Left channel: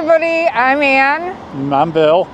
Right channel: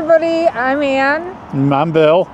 everybody, I'm Ann. I'm Bill.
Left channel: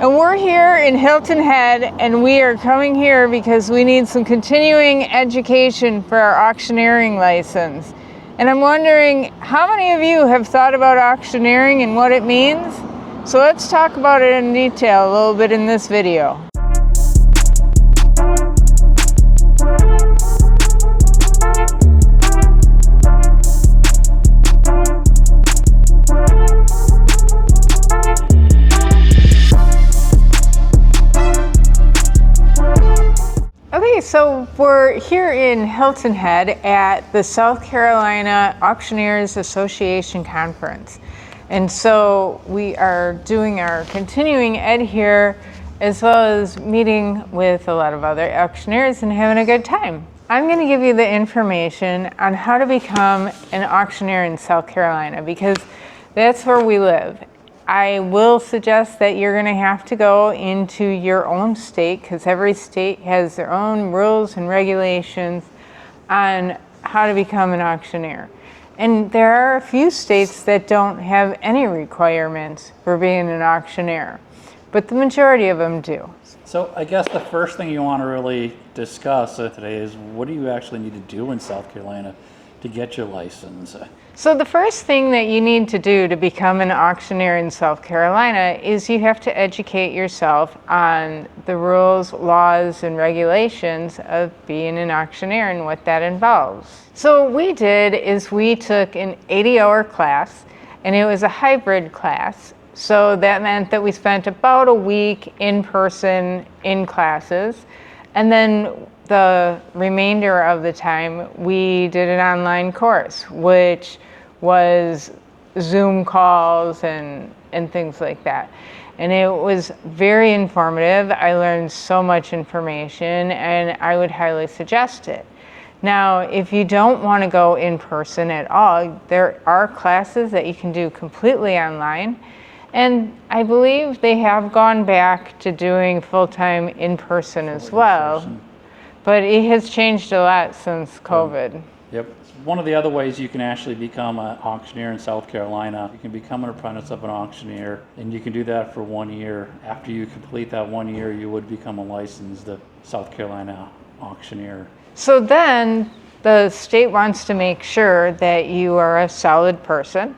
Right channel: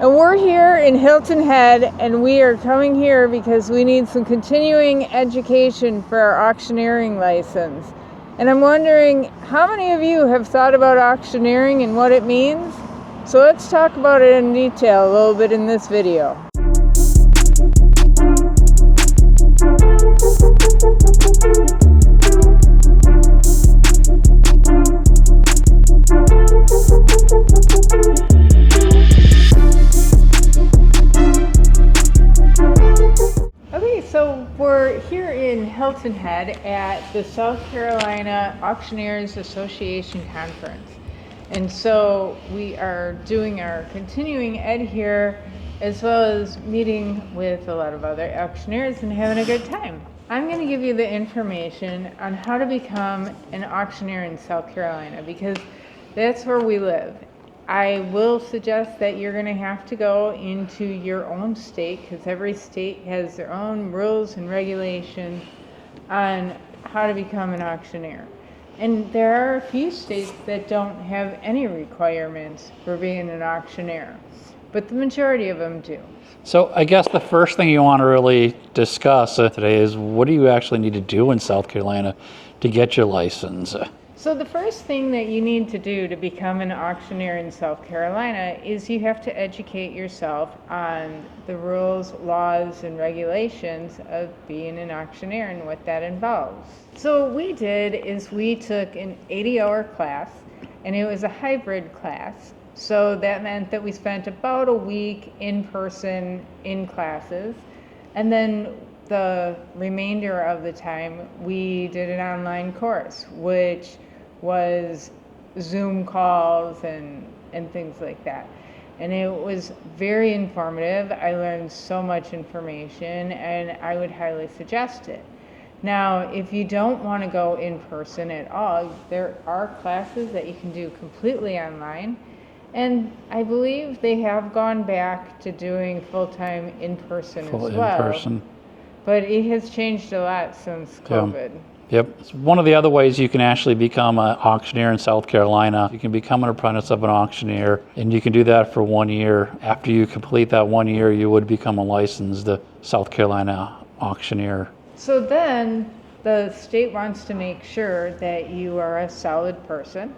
And we're here in Hilton Head, and we are coming here because we need some continuing education for our auctioneering license. And I'm wondering, how many of you have thought about auctioneering and what it means? So let's talk about it in detail a little bit in this video. So we're here in Hilton Head at the South Carolina Auctioneers Association Conference. And so we are doing our continuing ed here, as well as meeting with a lot of other auctioneers and having a good time. I'm going to give you the information on how to become an auctioneer in South Carolina, because that's where we live. I will suggest that you're going to have to go into your own state, because every state has their own rules and regulations on how to become an auctioneer. And there are a few states that don't have any requirements for being an auctioneer, but the majority of them do. So I guess the first thing you want to really discuss today is, what do you actually need to do in South Carolina to get your license? So the first thing that you need to do to become an auctioneer in South Carolina is you have to educate yourself on the rules, laws, and regulations of being an auctioneer and what that involves. So what we did is we took an 80-hour class, and it was a hybrid class. So that meant that we spent about a week in person in classes, and then the remainder of the time we did an online course, which was Zoom calls and things like that. And it was very informative. I learned so much information, and I would highly suggest it. Now, if you don't want to go in person at all, there are classes that you can do completely online. And I believe they have gone back to doing full-time in-person as well. But it has changed a lot since COVID. Yep. One of the other ways you can actually become an auctioneer in South Carolina, you can become an apprentice of an auctioneer, and you can do that for 1 year. After you complete that 1 year, you would become a licensed South Carolina auctioneer. So then the state wants to make sure that you are a solid person,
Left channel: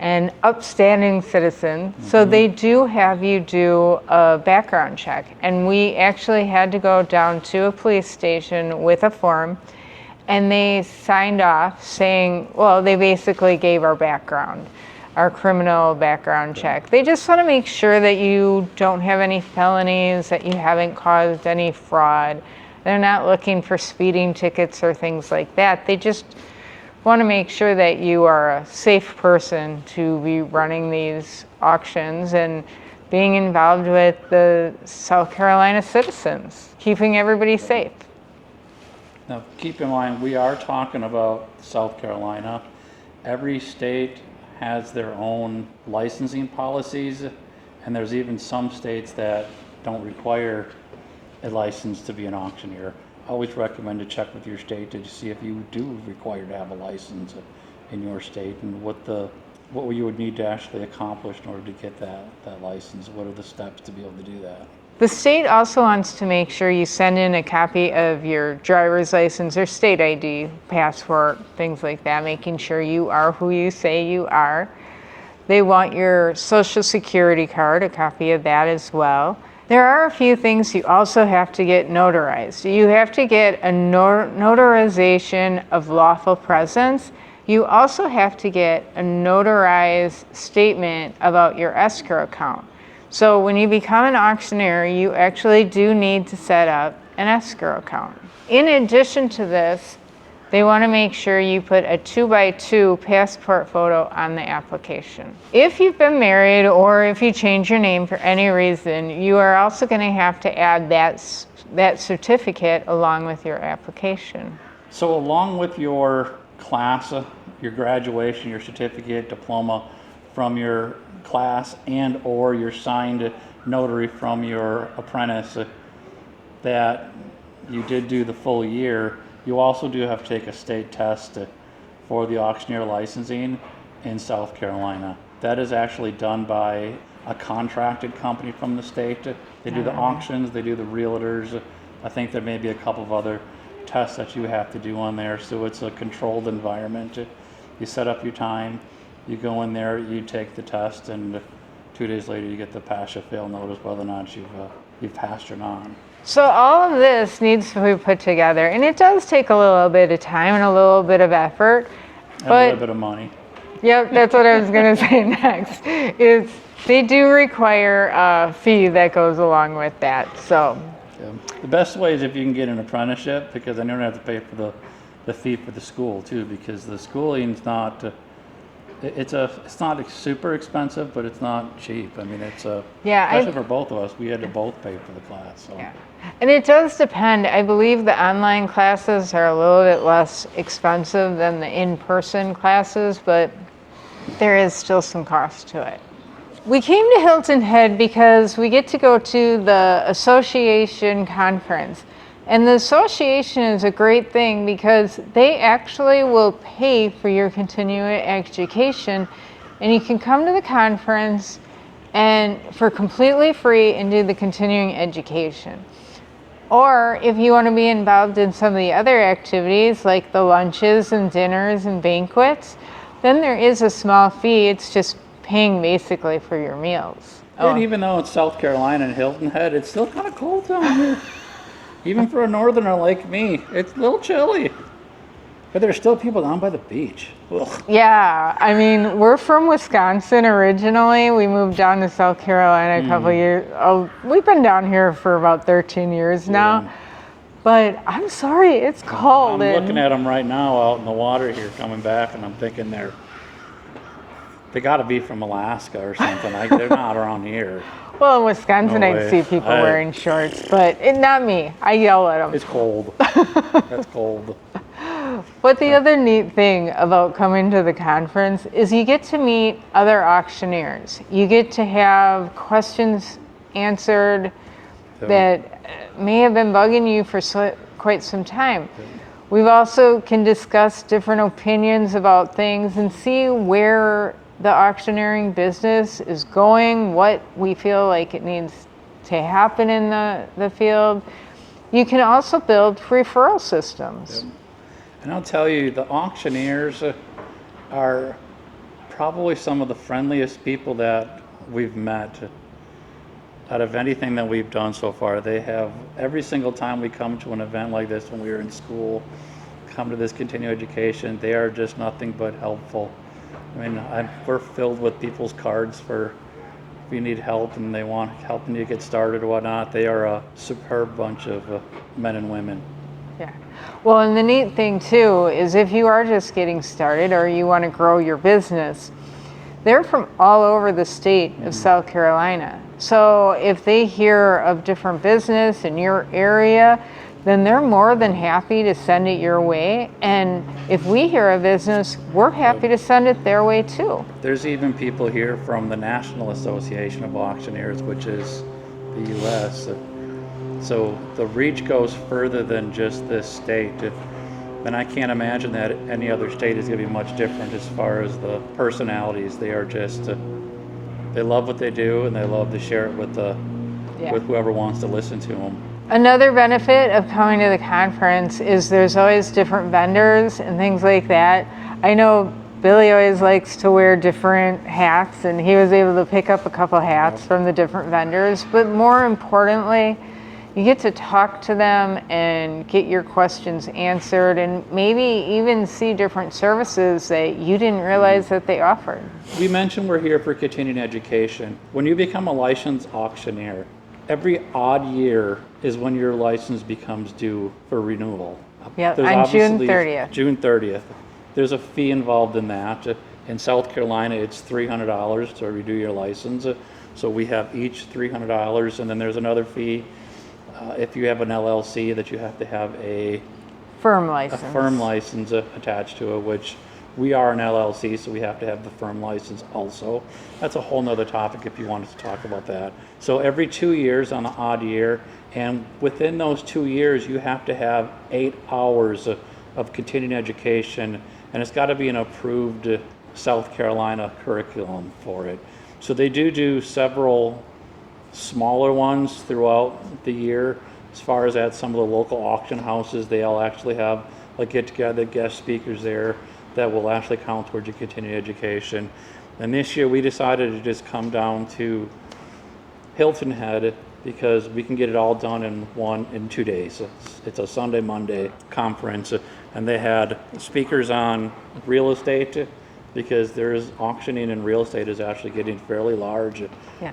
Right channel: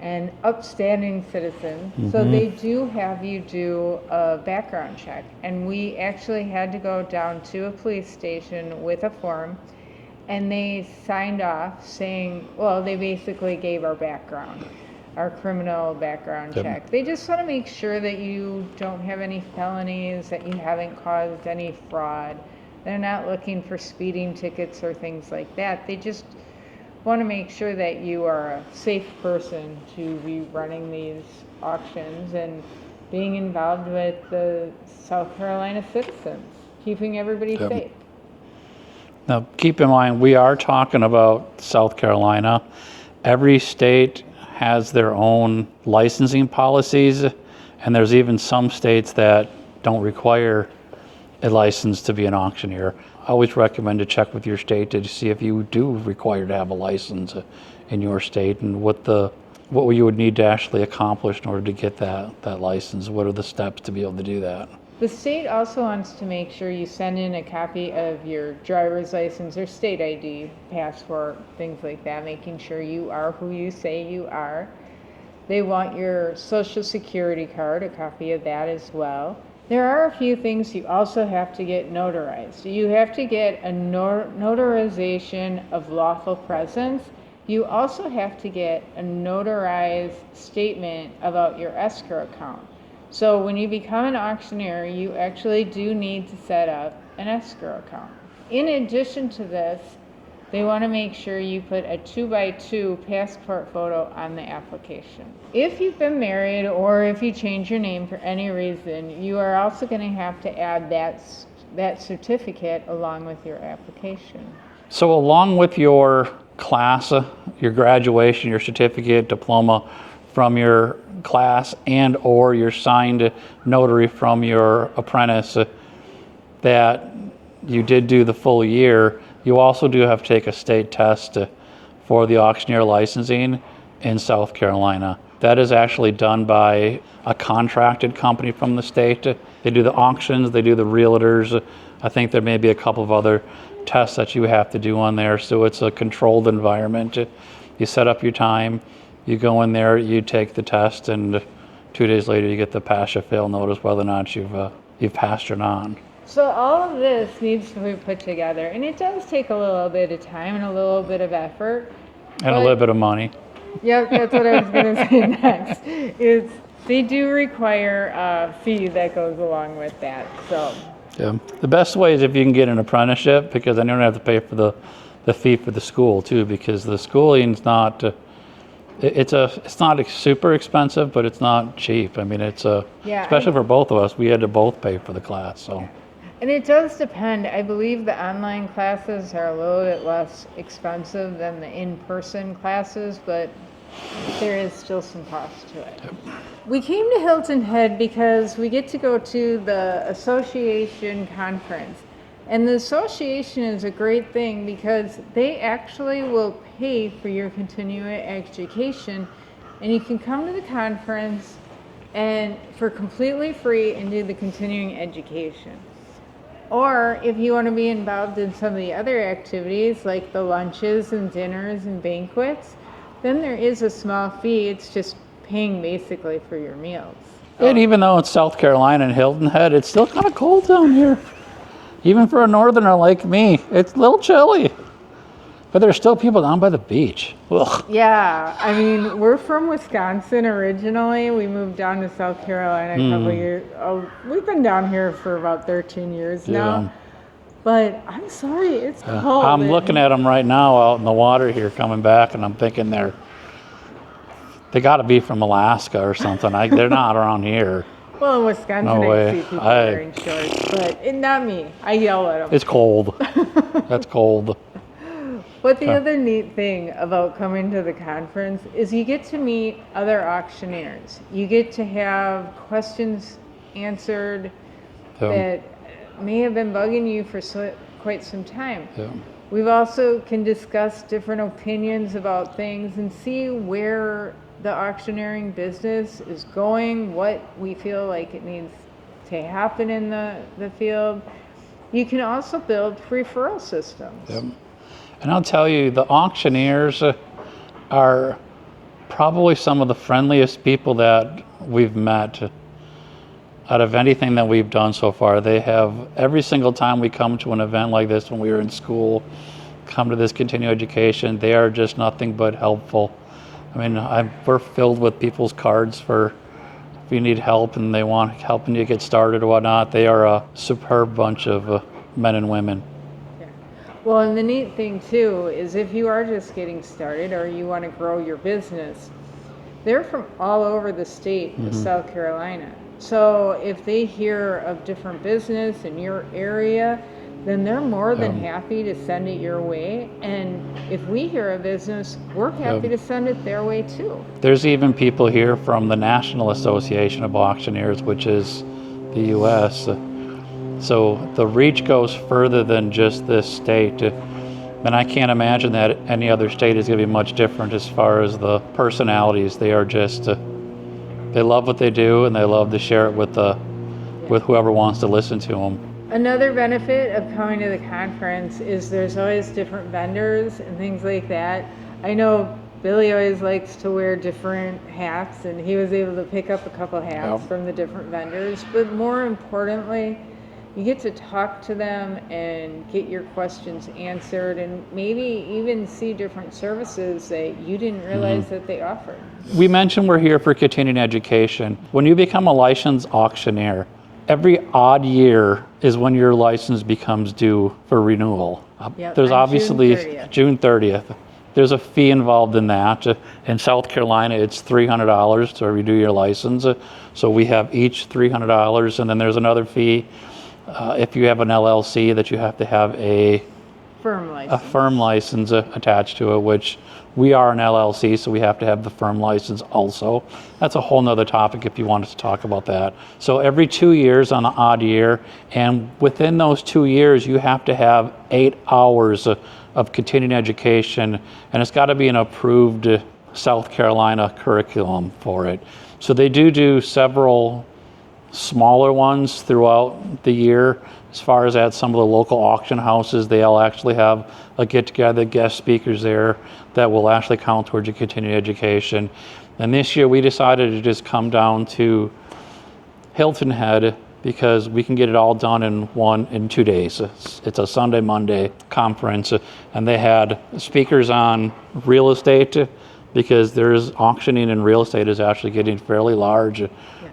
an upstanding citizen. Mm-hmm. So they do have you do a background check. And we actually had to go down to a police station with a form, and they signed off saying, well, they basically gave our background, our criminal background check. They just want to make sure that you don't have any felonies, that you haven't caused any fraud. They're not looking for speeding tickets or things like that. They just want to make sure that you are a safe person to be running these auctions and being involved with the South Carolina citizens, keeping everybody safe. Now, keep in mind, we are talking about South Carolina. Every state has their own licensing policies, and there's even some states that don't require a license to be an auctioneer. I always recommend to check with your state to see if you do require to have a license in your state, and what you would need to actually accomplish in order to get that license. What are the steps to be able to do that? The state also wants to make sure you send in a copy of your driver's license or state ID, passport, things like that, making sure you are who you say you are. They want your social security card, a copy of that as well. There are a few things you also have to get notarized. You have to get a notarization of lawful presence. You also have to get a notarized statement about your escrow account. So when you become an auctioneer, you actually do need to set up an escrow account. In addition to this, they want to make sure you put a 2x2 passport photo on the application. If you've been married, or if you change your name for any reason, you are also going to have to add that certificate along with your application. So along with your class, your graduation, your certificate, diploma from your class, and or your signed notary from your apprentice that you did do the full year, you also do have to take a state test for the auctioneer licensing in South Carolina. That is actually done by a contracted company from the state. They do the auctions, they do the realtors. I think there may be a couple of other tests that you have to do on there. So it's a controlled environment. You set up your time, you go in there, you take the test, and 2 days later you get the pass or fail notice whether or not you've passed or not. So all of this needs to be put together, and it does take a little bit of time and a little bit of effort. And a little bit of money. Yeah, that's what I was going to say next. They do require a fee that goes along with that. So yeah. The best way is if you can get an apprenticeship, because then you don't have to pay for the fee for the school too, because the schooling's not it's not super expensive, but it's not cheap. I mean, especially for both of us, we had to both pay for the class. So. Yeah. And it does depend. I believe the online classes are a little bit less expensive than the in-person classes, but there is still some cost to it. Yep. We came to Hilton Head because we get to go to the association conference. And the association is a great thing because they actually will pay for your continuing education, and you can come to the conference and for completely free and do the continuing education. Or if you want to be involved in some of the other activities like the lunches and dinners and banquets, then there is a small fee. It's just paying basically for your meals. And even though it's South Carolina and Hilton Head, it's still kind of cold down here. Even for a northerner like me, it's a little chilly. But there's still people down by the beach. Ugh. Yeah, I mean, we're from Wisconsin originally. We moved down to South Carolina a couple years. Oh, we've been down here for about 13 years now. Yeah. But I'm sorry, it's cold. I'm looking at them right now out in the water here coming back, and I'm thinking they got to be from Alaska or something. They're not around here. Well, in Wisconsin, No I'd way. see people wearing shorts, but not me. I yell at them. It's cold. That's cold. But the other neat thing about coming to the conference is you get to meet other auctioneers. You get to have questions answered that may have been bugging you for quite some time. Yeah. We've also can discuss different opinions about things and see where the auctioneering business is going, what we feel like it needs to happen in the field. You can also build referral systems. Yep. And I'll tell you, the auctioneers are probably some of the friendliest people that we've met out of anything that we've done so far. They have, every single time we come to an event like this when we were in school, come to this continuing education, they are just nothing but helpful. I mean, we're filled with people's cards for if you need help and they want helping you get started or whatnot. They are a superb bunch of men and women. Yeah. Well, and the neat thing too is if you are just getting started or you want to grow your business, they're from all over the state of South Carolina. So if they hear of different business in your area, then they're more than happy to send it your way. And if we hear of business, we're happy to send it their way too. There's even people here from the National Association of Auctioneers, which is the U.S. So the reach goes further than just this state. And I can't imagine that any other state is going to be much different as far as the personalities. They are just, they love what they do and they love to share it with whoever wants to listen to them. Another benefit of coming to the conference is there's always different vendors and things like that. I know Billy always likes to wear different hats, and he was able to pick up a couple hats from the different vendors. But more importantly, you get to talk to them and get your questions answered and maybe even see different services that you didn't realize that they offered. We mentioned we're here for continuing education. When you become a licensed auctioneer, every odd year is when your license becomes due for renewal. Yep, There's on obviously June 30th. June 30th. There's a fee involved in that. In South Carolina, it's $300 to renew your license. So we have each $300, and then there's another fee if you have an LLC that you have to have a firm license attached to it, which we are an LLC, so we have to have the firm license also. That's a whole nother topic if you want us to talk about that. So every 2 years on an odd year, and within those 2 years, you have to have 8 hours of continuing education, and it's got to be an approved South Carolina curriculum for it. So they do several smaller ones throughout the year. As far as at some of the local auction houses, they'll actually have a get-together, guest speakers there that will actually count towards your continuing education. And this year we decided to just come down to Hilton Head because we can get it all done in 2 days. It's a Sunday, Monday conference, and they had speakers on real estate because there's auctioning and real estate is actually getting fairly large,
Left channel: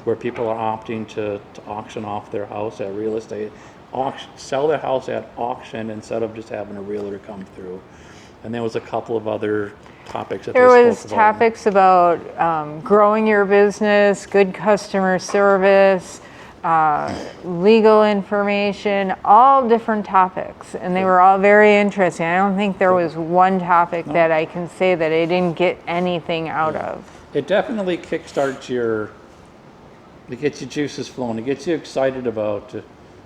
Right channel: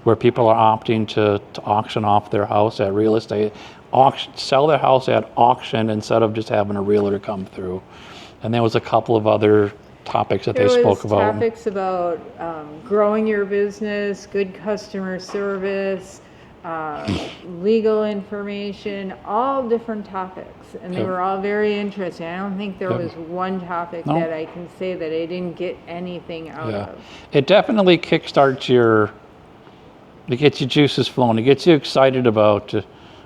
where people are opting to auction off their house at real estate, sell their house at auction instead of just having a realtor come through. And there was a couple of other topics that they spoke about. There was topics about growing your business, good customer service, legal information, all different topics, and they were all very interesting. I don't think there was one topic that I can say that I didn't get anything out of. It definitely kickstarts it gets your juices flowing. It gets you excited about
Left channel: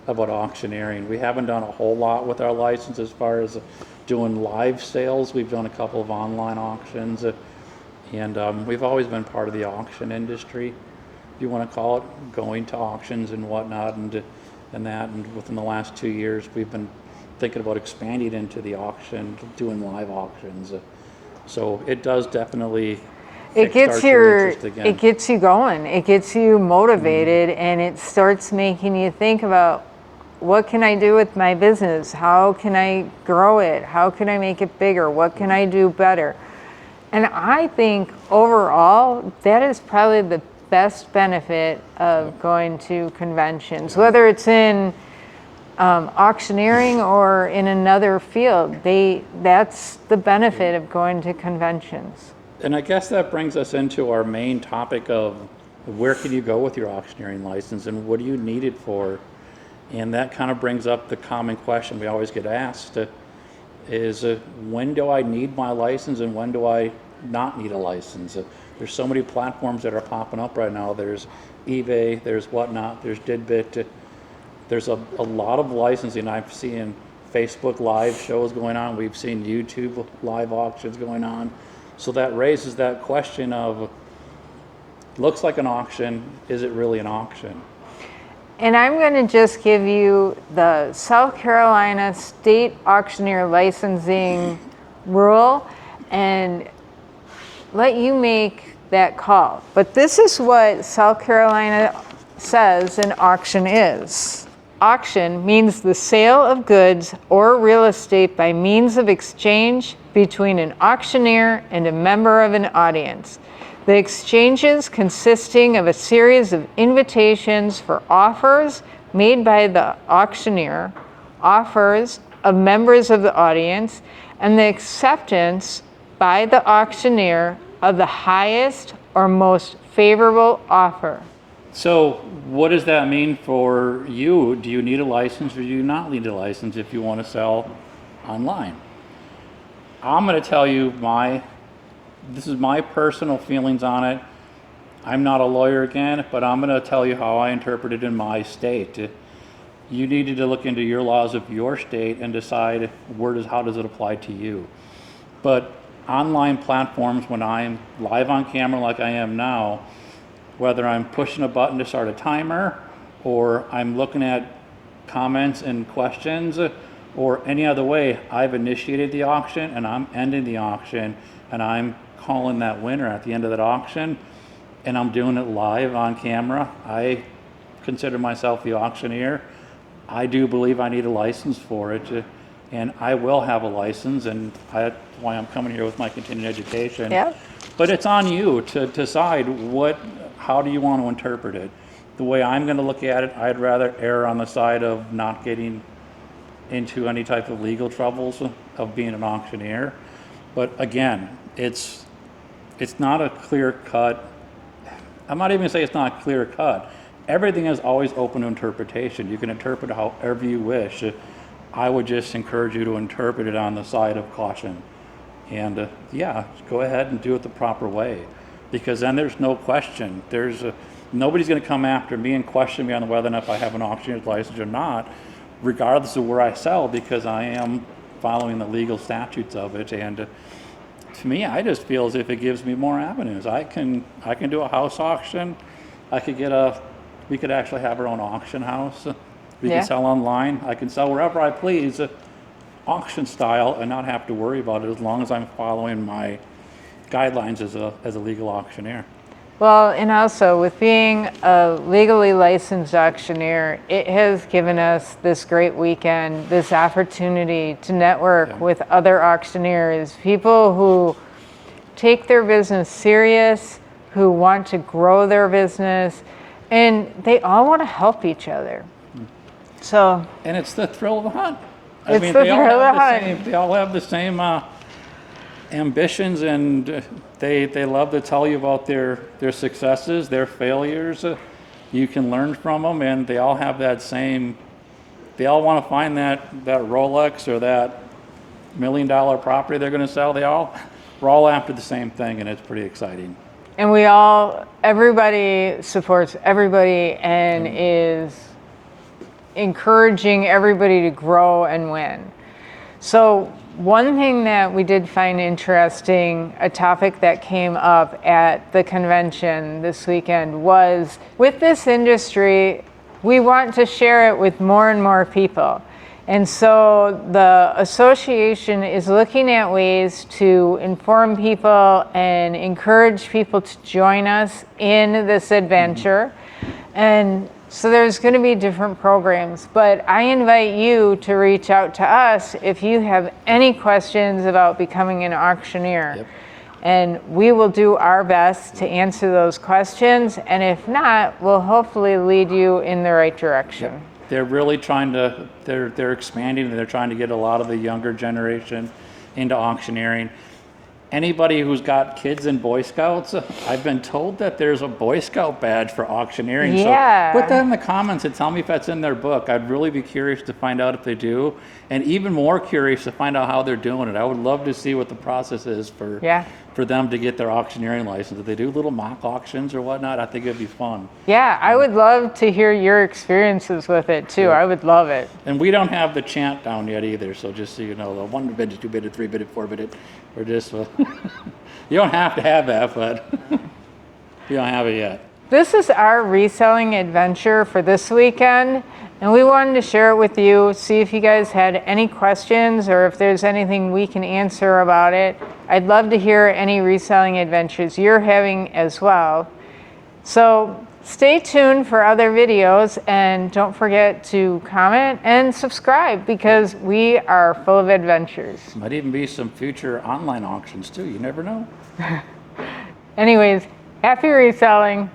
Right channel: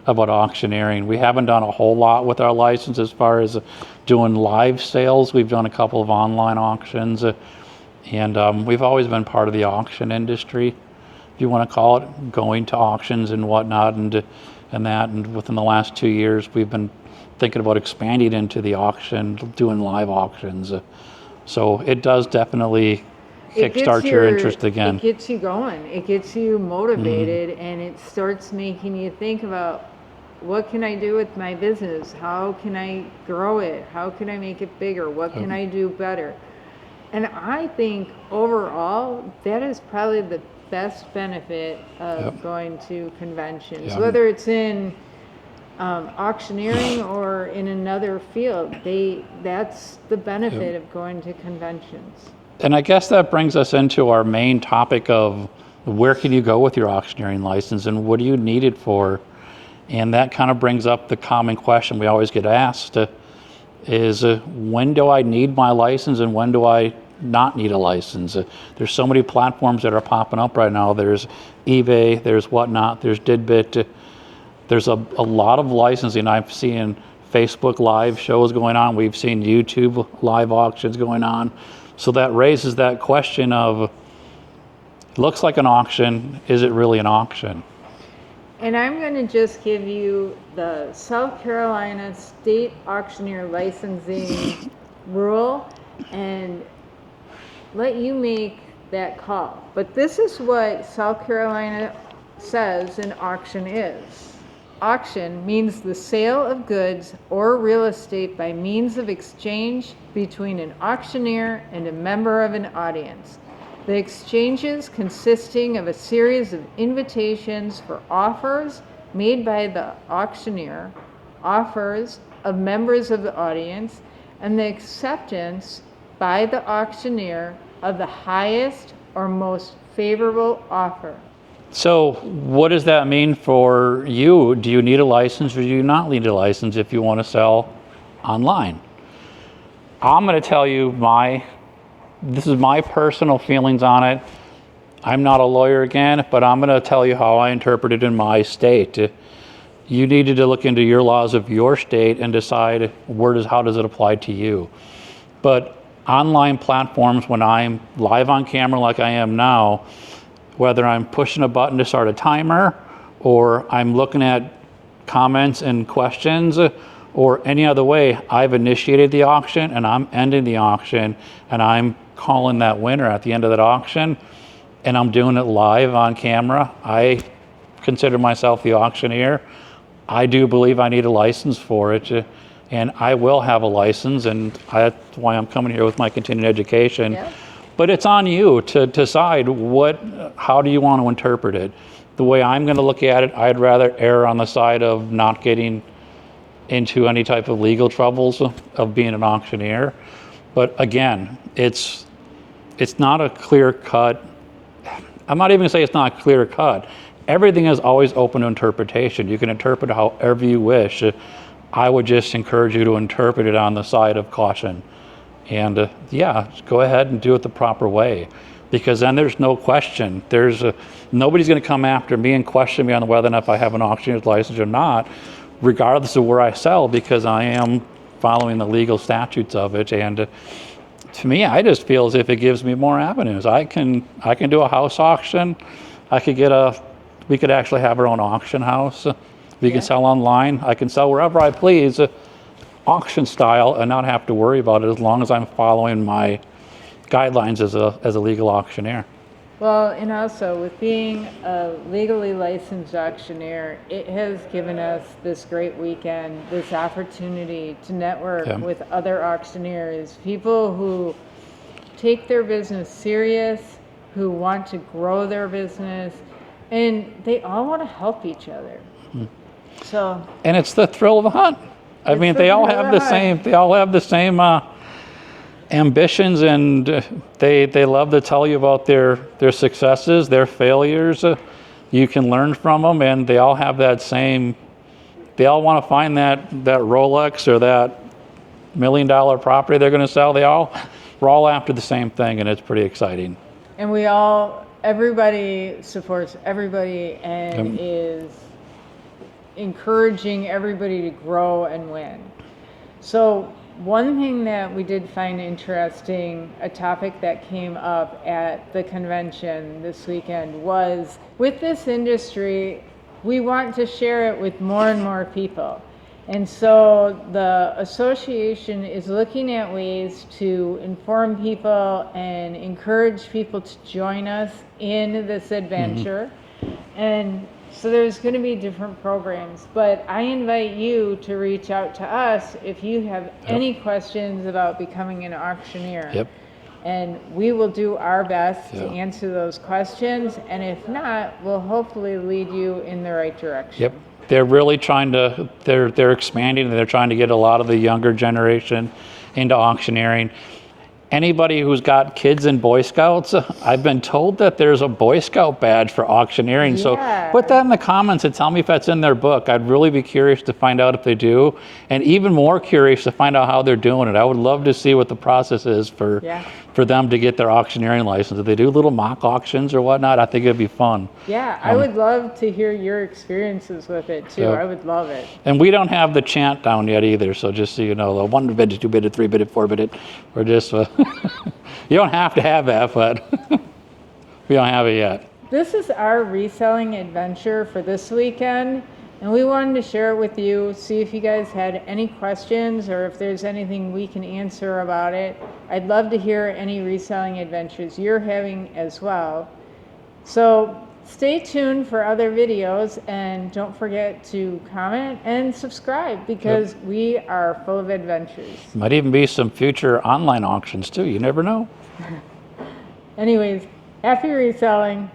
auctioneering. We haven't done a whole lot with our license as far as doing live sales. We've done a couple of online auctions, and we've always been part of the auction industry, if you want to call it, going to auctions and whatnot, and that. And within the last 2 years, we've been thinking about expanding into the auction, doing live auctions. So it does definitely kickstart your interest again. It gets you going. It gets you motivated, and it starts making you think about, what can I do with my business? How can I grow it? How can I make it bigger? What can I do better? And I think overall, that is probably the best benefit of going to conventions, whether it's in auctioneering or in another field. That's the benefit of going to conventions. And I guess that brings us into our main topic of where can you go with your auctioneering license and what do you need it for? And that kind of brings up the common question we always get asked is when do I need my license and when do I not need a license? There's so many platforms that are popping up right now. There's eBay, there's whatnot, there's Didbit. There's a lot of licensing. I've seen Facebook live shows going on. We've seen YouTube live auctions going on. So that raises that question of, looks like an auction, is it really an auction? And I'm going to just give you the South Carolina State Auctioneer Licensing rule and let you make that call. But this is what South Carolina says an auction is. Auction means the sale of goods or real estate by means of exchange between an auctioneer and a member of an audience. The exchanges consisting of a series of invitations for offers made by the auctioneer, offers of members of the audience, and the acceptance by the auctioneer of the highest or most favorable offer. So what does that mean for you? Do you need a license or do you not need a license if you want to sell online? I'm going to tell you this is my personal feelings on it. I'm not a lawyer again, but I'm going to tell you how I interpret it in my state. You needed to look into your laws of your state and decide how does it apply to you. But online platforms, when I'm live on camera like I am now, whether I'm pushing a button to start a timer or I'm looking at comments and questions or any other way, I've initiated the auction and I'm ending the auction and I'm calling that winner at the end of that auction and I'm doing it live on camera. I consider myself the auctioneer. I do believe I need a license for it, and I will have a license, and that's why I'm coming here with my continuing education. Yeah. But it's on you to decide how do you want to interpret it. The way I'm going to look at it, I'd rather err on the side of not getting into any type of legal troubles of being an auctioneer. But again, it's not a clear cut. I'm not even going to say it's not clear cut. Everything is always open to interpretation. You can interpret it however you wish. I would just encourage you to interpret it on the side of caution. And just go ahead and do it the proper way, because then there's no question. Nobody's going to come after me and question me on whether or not if I have an auctioneer's license or not, regardless of where I sell, because I am following the legal statutes of it. And to me, I just feel as if it gives me more avenues. I can do a house auction. We could actually have our own auction house. We Yeah. can sell online. I can sell wherever I please, auction style, and not have to worry about it as long as I'm following my guidelines as a legal auctioneer. Well, and also with being a legally licensed auctioneer, it has given us this great weekend, this opportunity to network Yeah. with other auctioneers, people who take their business serious, who want to grow their business, and they all want to help each other. So, And it's the thrill of the hunt. I It's mean, the they all thrill of have the the hunt. same. They all have the same ambitions, and they love to tell you about their successes, their failures. You can learn from them, and they all have that same. They all want to find that Rolex or that $1 million property they're going to sell. We're all after the same thing, and it's pretty exciting. and everybody supports everybody and is encouraging everybody to grow and win. So one thing that we did find interesting, a topic that came up at the convention this weekend, was with this industry, we want to share it with more and more people. And so the association is looking at ways to inform people and encourage people to join us in this adventure. And so there's going to be different programs, but I invite you to reach out to us if you have any questions about becoming an auctioneer. Yep. And we will do our best to answer those questions. And if not, we'll hopefully lead you in the right direction. Yep. They're really trying to, they're expanding, and they're trying to get a lot of the younger generation into auctioneering. Anybody who's got kids in Boy Scouts, I've been told that there's a Boy Scout badge for auctioneering. Yeah. So put that in the comments and tell me if that's in their book. I'd really be curious to find out if they do, and even more curious to find out how they're doing it. I would love to see what the process is for them to get their auctioneering license. If they do little mock auctions or whatnot, I think it'd be fun. Yeah, I would love to hear your experiences with it too. Yeah. I would love it. And we don't have the chant down yet either, so just so you know, the 1 bid, 2 bid, 3 bid, 4 bid, we're just, you don't have to have that, but we don't have it yet. This is our reselling adventure for this weekend, and we wanted to share it with you, see if you guys had any questions or if there's anything we can answer about it. I'd love to hear any reselling adventures you're having as well. So stay tuned for other videos, and don't forget to comment and subscribe because we are full of adventures. Might even be some future online auctions too, you never know. Anyways, happy reselling.